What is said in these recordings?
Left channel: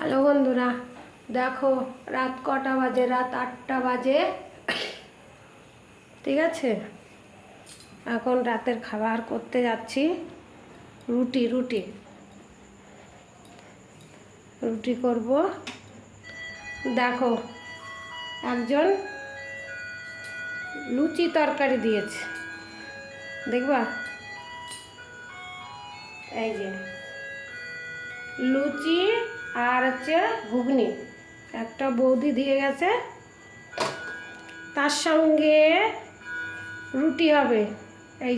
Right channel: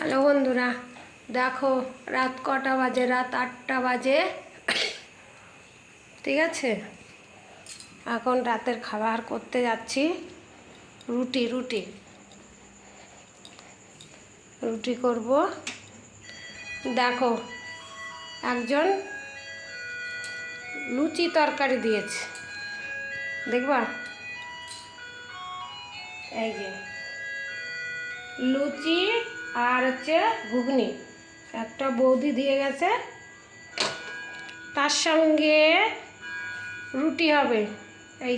Hello বন্ধুরা, দেখো রাত কটা বাজে, রাত 8টা বাজে। ঠিক আছে, এখন রাতের খাবার করতে যাচ্ছি। রুটি রুটি রুটি করব। দেখো, একজন লুচি তরকারি দিয়েছে, দেখবা? এই যে লুচি আর হচ্ছে ঘুগনি একটা বৌদি দিয়ে গেছে, তার সঙ্গে রুটি হবে। এই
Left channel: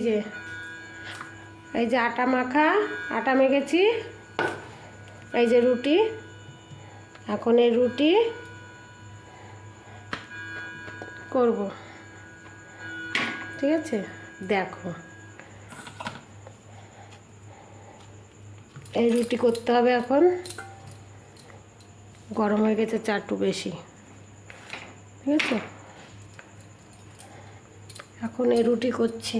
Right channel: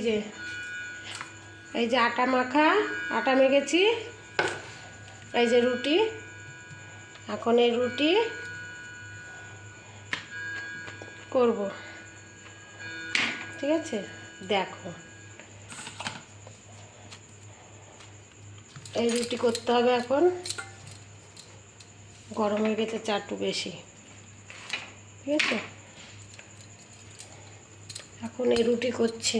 যে আটা মাখা, আটা মেখেছি। এই যে রুটি, এখন এই রুটি করব। ঠিক আছে, দেখো এই রুটি করতে হবে। এখন গরম হয়ে গেছে চা একটু বেশি। ঠিক আছে, এখন এই রুটি করছি।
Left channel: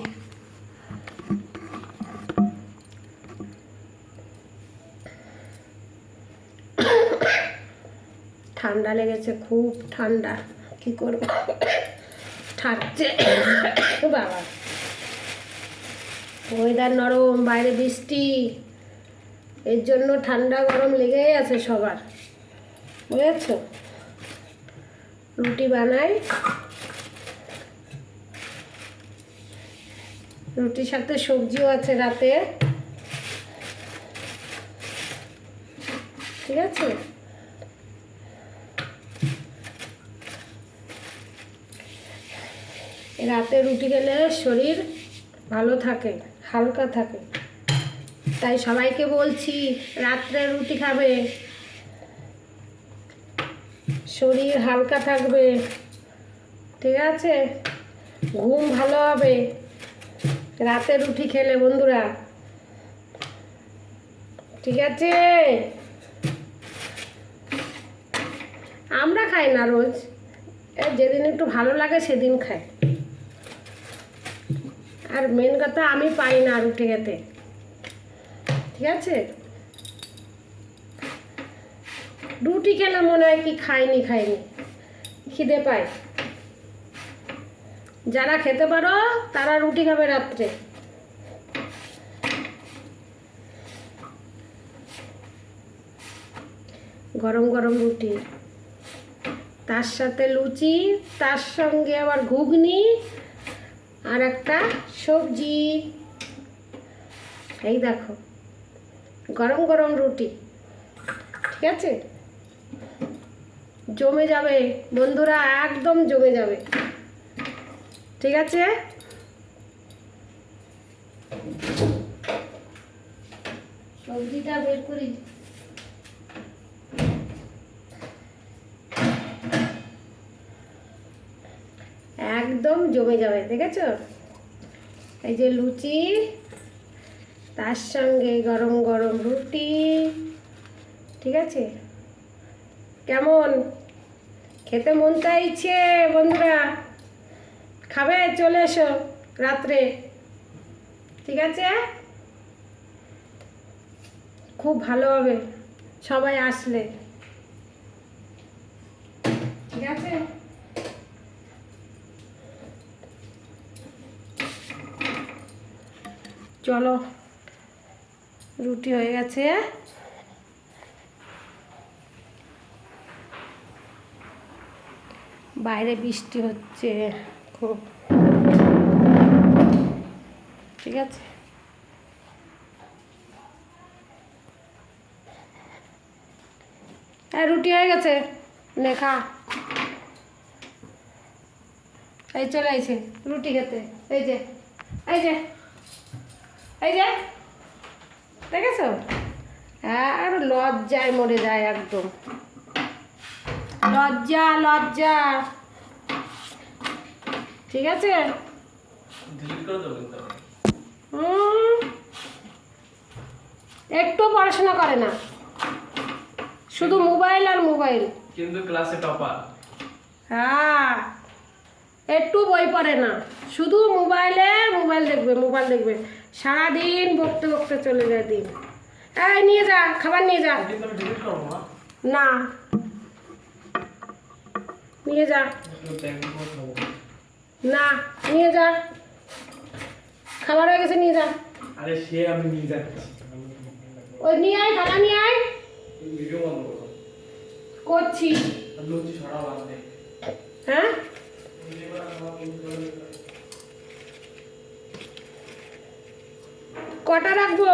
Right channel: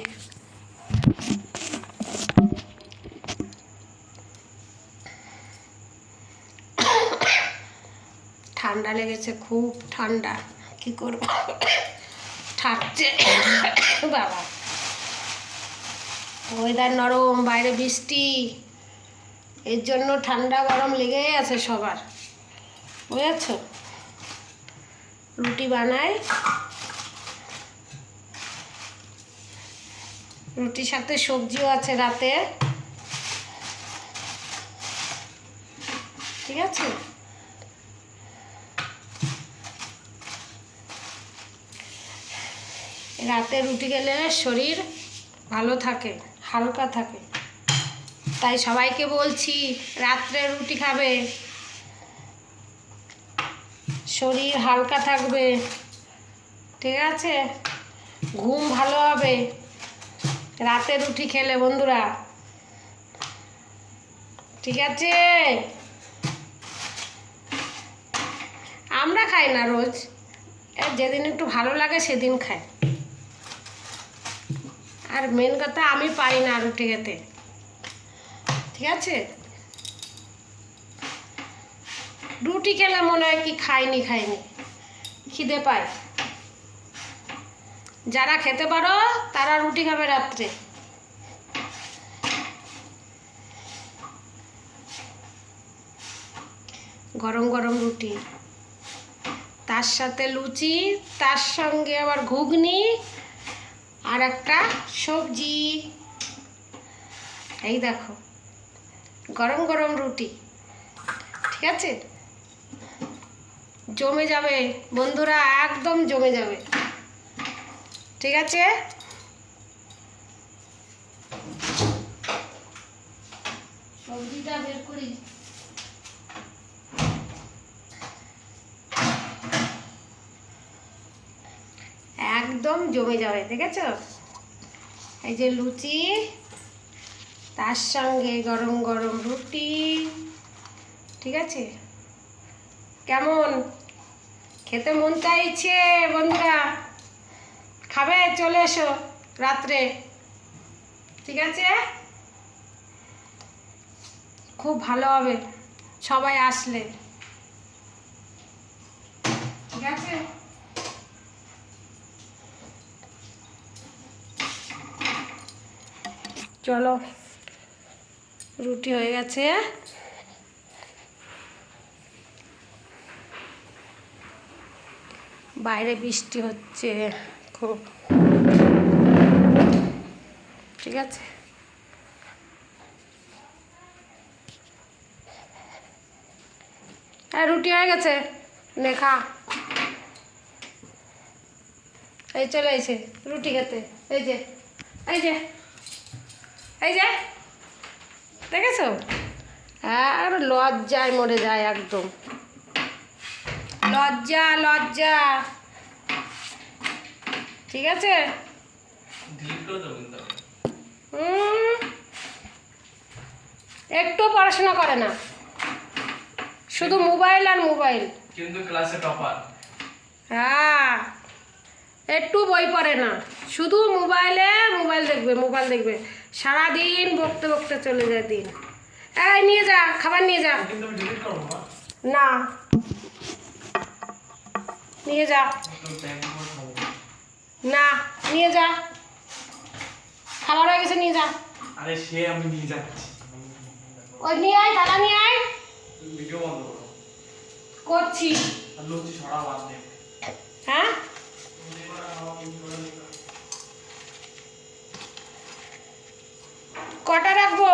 ঠান্ডা লেগেছে, খুব ঠান্ডা, কি করব, ঠাকছে বাবা। ওয়েদার নরম, বাইরে বৃষ্টি, এর জন্য ঠান্ডা গরম লেগেই আছে সবার, বুঝেছ? রুটি বানাই, রুটির সাথে সবজিও আছে রাতে। ঠিক আছে, রাতে রুটি খেলে শরীর ভালো থাকে, হালকা থাকে। তাই সবাইকে বলছি রাত্রে রুটি খাবে, শরীর হালকা থাকবে। ঠিক আছে, ঘুম ভালো হবে রাতে রুটি খেলে বন্ধুরা। ঠিক আছে, আমরা খাই না রোজ, যেদিন একটু ভালো লাগে সেদিন খাই। আর মেন কথা, আমি পাই না রুটি খেতে। ঠিক আছে, রুটি খেলে মনে হয় কি খাইনি খিদে পায়। যারা খেতে পারো তারা রুটি খাবে রাত্রে। গরম গরম রুটি, তার সাথে লুচি, তার সঙ্গে আবার ঘুগনি আর একটা সবজি। এই দেখো গরম গরম রুটি। ঠিক আছে, জমে যাবে বন্ধুরা, একদম জমে যাবে। ঠিক আছে, সবজিটা বের করি। একদম জমে যাবে, দেখেছো? এই যে লুচি, তার সঙ্গে গরম গরম রুটি। ঠিক আছে, কেমন খেতে মন চাইছে বন্ধুরা? খাবে? চলে এসো রাত্রে। ঠিক আছে, খুব ভালো হবে সবাই আসলে। ঠিক আছে, চলো, রুটি হয়ে গেছে। বাইরে বৃষ্টি হচ্ছে খুব। ঠিক আছে, আর রুটি হয়ে গেছে, নে খা। এই চলে আইছে রুটি খেতে। এই যে এই যে এই যে দেখেছো? আর লজ্জায় মরে যায় একদম, লজ্জা লজ্জা। ঠিক আছে, একটু পড়াশোনা করে না, শুধু মোবাইল আর মোবাইল। কিন্তু ক্লাসে টপার। হ্যাঁ, একটু বই পড়ে না, শুধু মোবাইল দেখবে সারাদিন, বকতে বকতে চলে যায় দিন। এই নিয়ে যা, খাবার নিয়ে যা। না, নিয়ে যা। না, নিয়ে যা, খাবার হয়ে গেছে, নিয়ে যা। আরে সে আমি নিয়ে যাচ্ছি। ওই নিয়ে আয়, দাদা নিয়ে আয়। তুমি ভিডিও বন্ধ করো। করছি। আর লুচি ছড়া বাদ দে। হ্যাঁ, কটা রাখবো?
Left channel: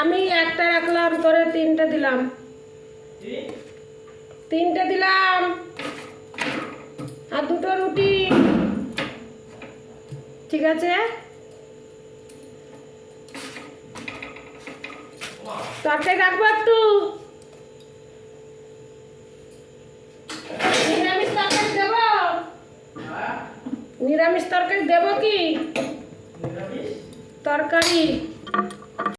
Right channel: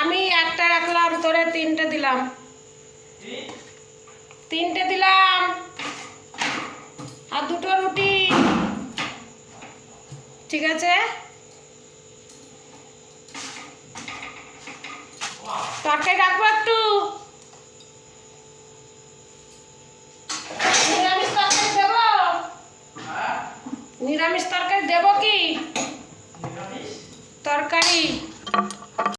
আমি একটা রাখলাম, তোরে তিনটে দিলাম। তিনটে দিলাম, আর দুটো রুটি। ঠিক আছে, তরকারি রাখবো একটু। নিরামিষ তরকারি দেবো? নিরামিষ তরকারি দেবো কি? তরকারি